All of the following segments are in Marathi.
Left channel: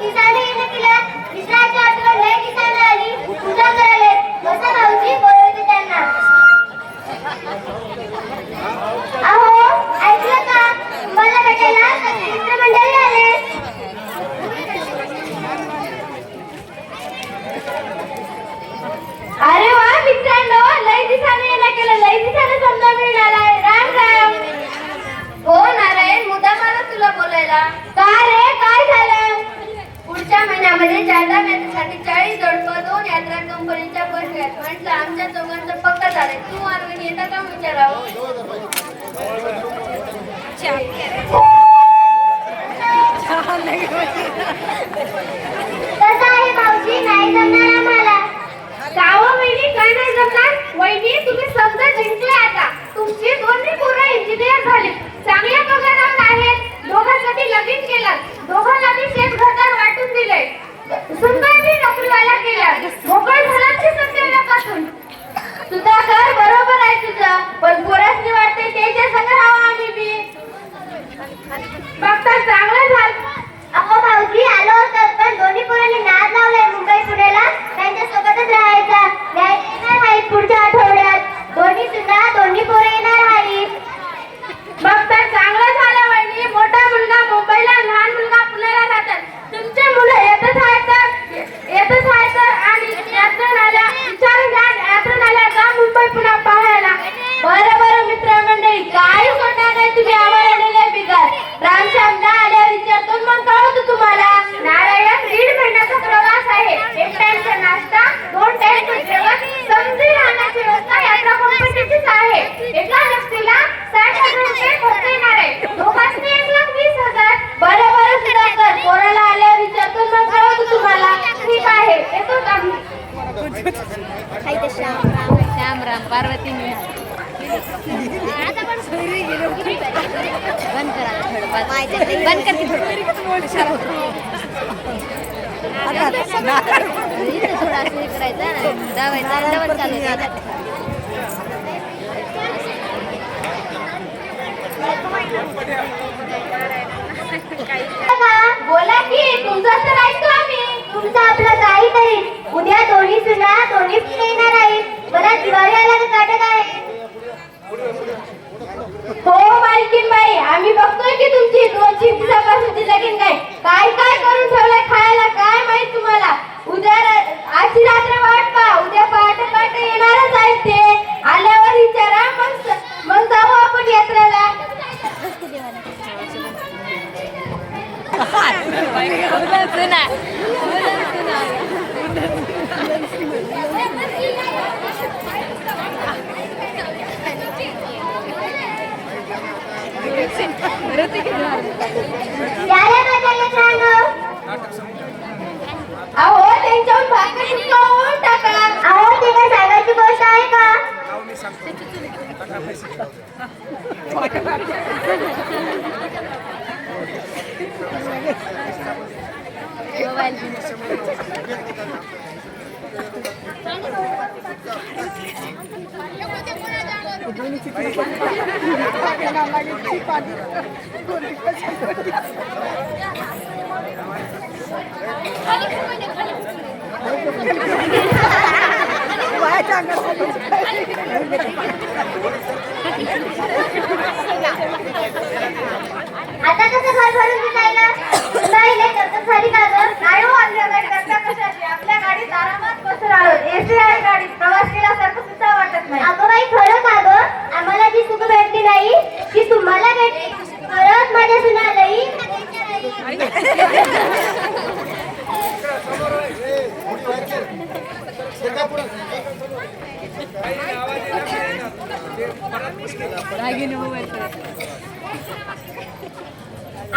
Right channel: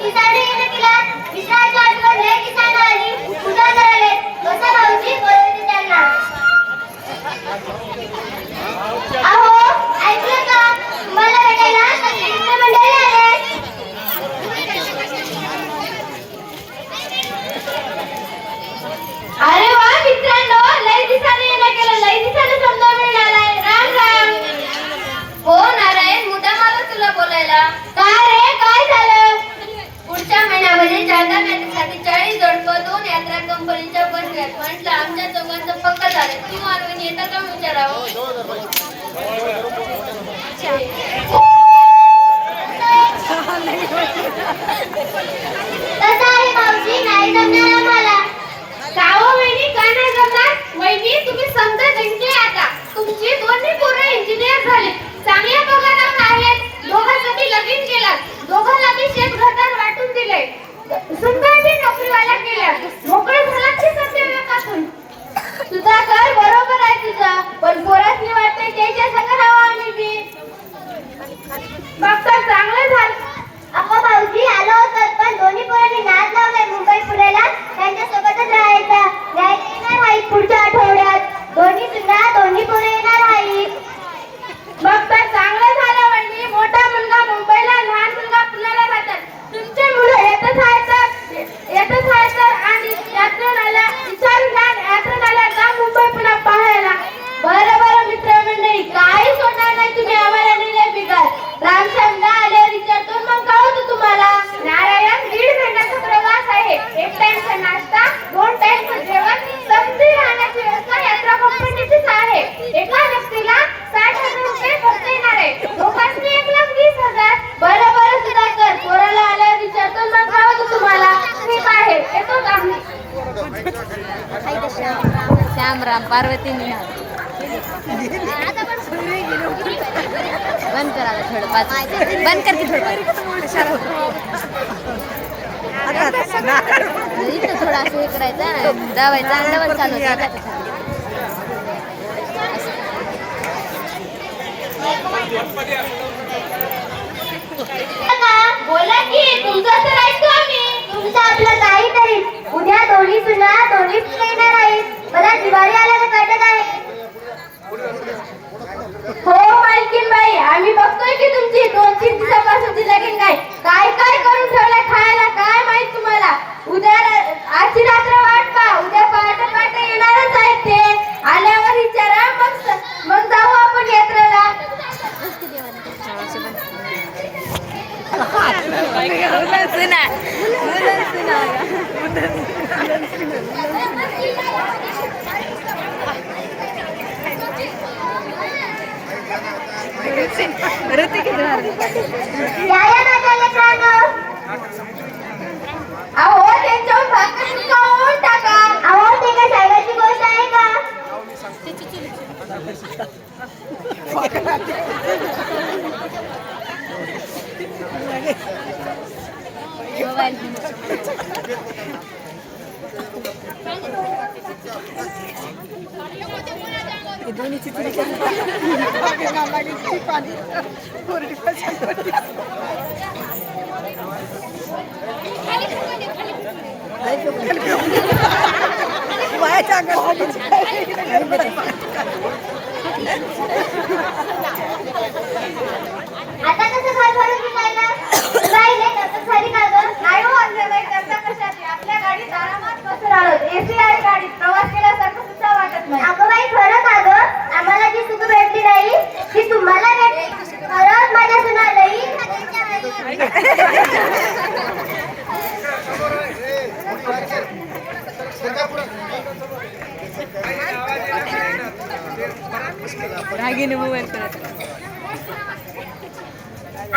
किसाने येणं केला विसराची आठवण लय किसान आली पूजा करायले कसं भाऊजी बोलवते त्यांना अहो ऐकलं का तुम्हाला भेटायला सगळे मित्रमंडळी आले अरे वा मित्रांनो लय दिसाने येणं केलं लय दिसाने समजा मिळालाय राम राम हो नारायण मुद्दा मला तुला बोलायला का रे काय झालं पुढच्या महिन्यामध्ये चारधाम यात्रेसाठी 40 जोडपं 2 यात्रा कंपनीच्या बस घेत म्हटलं आमच्या दोघांचं पक्क झालंय तू अरविंद येता का विचारावं कसं आहे भाऊजी नाही जमणार आम्हाला गाव वहिनी का नाही जमणार वहिनी तुम्ही समजा जिंकले आता तुमची दोन्ही पोरं इंजिनियर झाले चांगल्या पगारावर आहेत दोघांसाठी लगीन केला दोघांना मी शेत घरदार वाटून दिले सुनबाई नोकरीवाला केल्या मोकळे झाला की सत्यापासून सुधाकर बरोबर आहे तुझं पण पोरासनी वाटते त्याच्या संग राहावं आम्ही बी बघता चांगलं झालं अप्पा भाऊजी आलो होतं पण दोन्ही पोरांनी नाद लावलाय मुंबई पुण्याला त्यांच्या सोबतच राहायचा येणार आहे पुढच्या आठवड्यात दोन्ही सुद्धा दोन्ही पोरं येणार आहेत बघता चांगलं झालं म्हणजे मोठा मुलगा मुंबईला लहान मुलगा पुण्याला जातात तुमचे मुलं येतच आहेत आणि यात्रेला आल्या विचारून घ्या यात्रेला आल्या का मुंबई पुन्हा पाहायला बरं मित्रमंडळी काही सोडणार नाही तुम्ही आम्हाला दिले बिगार रामश्यामला आल्यावर विचारतो मग कळवतो तुम्हाला नारायण 1.5 महिन्याचा प्रवास आहे 1 टाइमचा नाश्ता 2 टाइमचं जेवण समजी राहण्याची व्यवस्था यात्रा कंपनीचीच आहे एका व्यक्तीला 60,000 रुपये खर्च येणार आहे दोघांनी 1,20,000 बरं सुधाकर पोराला आल्यावर विचारतो मग कळवतो तुम्हाला ठीक आहे येतो आम्ही श्याम राम पार्वती बंद बोला की तुमचं तर ऐकतो आम्ही तुमचं आपलं काहीतरी उद्या दोन्ही सुना दोन्ही येणार आहेत मला दिवाळी आल्याचं वाटत आहे हो मालकीन बाई आम्ही बघतोय की तुमची 2-3 दिवसापासूनची लगीन काय करून ठेवलंय खायला काय माहित तुम्हाला उद्या आजची रात्र वाट पा उद्या पहाटे येणारच आहेत ते आल्यावर विचारा मग जाऊ आपण यात्रेला अहो त्यांच्यावर भाकर शिकवून टाका अहो ते काय सांगायची गोष्ट आहे का आता कसं घर भरून दिसायला नाही तसं झाली का गं नाही हो आपल्या गाडी करता कशाची आपल्या गाडीत आरामात बसून आलो एसी आहे गाडीत प्रवास केल्यासारखं सुद्धा वाटत नाही अगं बाई खरं का गं आम्हाला जी सुख भेटली नाही ती तुम्हाला भेटली खरंच माझ्या सुना लई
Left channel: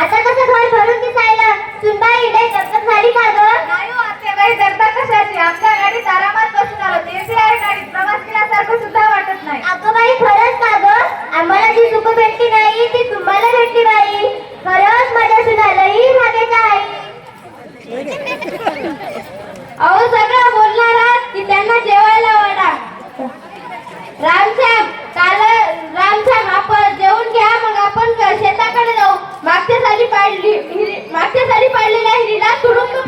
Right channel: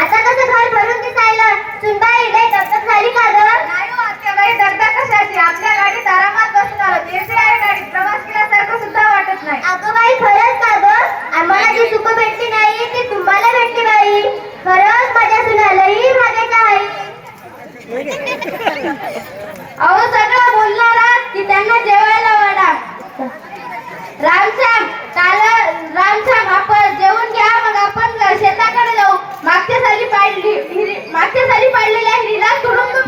आता कसं घर भरून दिसायला सुनबाई लई दगदग झाली का गं नाही हो आपल्या गाडी दगदग कशाची आपल्या गाडीत आरामात बसून आलो एसी आहे गाडीत प्रवास केल्यासारखं सुद्धा वाटत नाही अगं बाई खरंच का गं आम्हाला जी सुख भेटली नाही ती तुम्हाला भेटली बाई खरंच माझ्या सुनालाही भाग्याच्या आहे अहो सगळं बोलणारा की त्यांना जेवायला वाढा रामश्याम आपण जेवून घ्या मग आपण शेताकडे जाऊ मागच्या साली पाडलेल्या हिरीला तुडून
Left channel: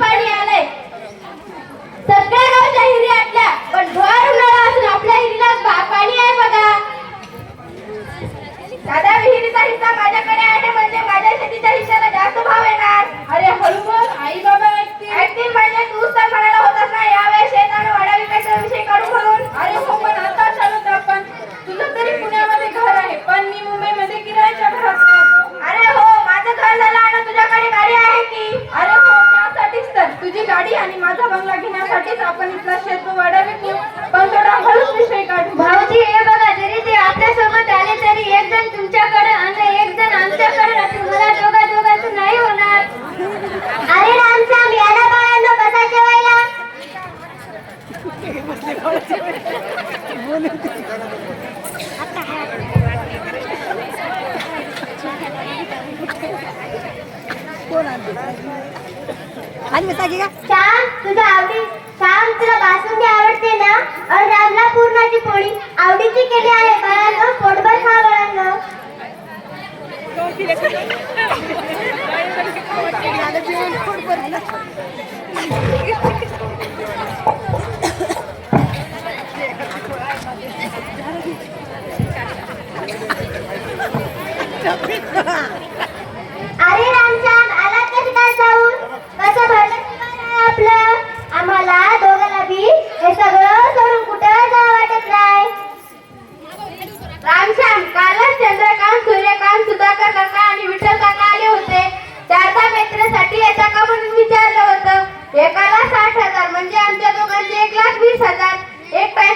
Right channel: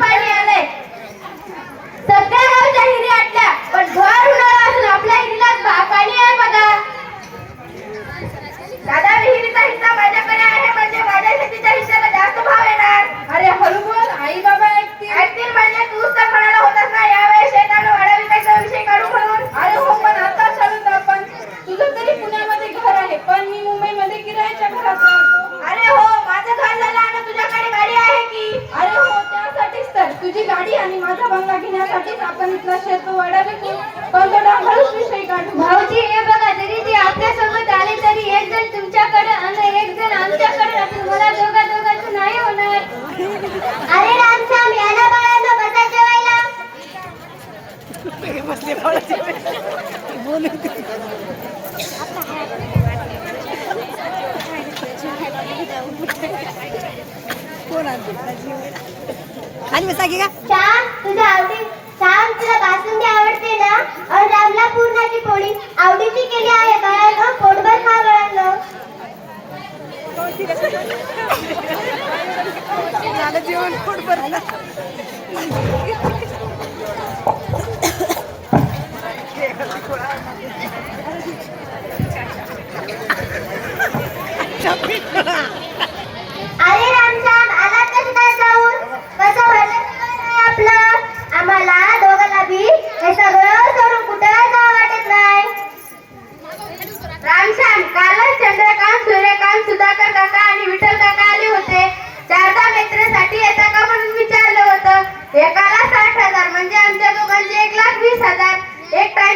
आणि माझा बंगला घेण्यासाठीच आपण इथला शेतू वाड्याला घेऊ पंधरा घालूच विषय काढू. भाऊजी हे बघा, जरी ते आपल्यासोबत आले तरी एक जण तुमच्याकडे आणि एक जण आमच्याकडे राहतील. मला दोघांचं नाही होणार. अरे रामश्याम, याला बाळांनो कसा जेवायला? श्याम, तुझ्या श्याम, तुला बासुंदी आवडते ना? और रामला पूर्णाची पोळी आवडीची केली आहे बाळांनो. पोटभर खा बाळांनो. अरे रामश्याम, आलात का शिकायला जाऊन? कसं भरलं जेवण आहे आपलं? आम्हाला दोघांना बी हे सगळं सोडून कुठं जावं वाटत नाही. रामश्याम, कालच चंद्रकांत, सूर्यकांत, सुधाकर काका आणि विठ्ठल काका आले होते. 4 मित्रासाठी येता का म्हणून विचारलं होतं. एकाला 60,000 म्हणजे आमच्या दोघांचे 1,20,000. एक टाइम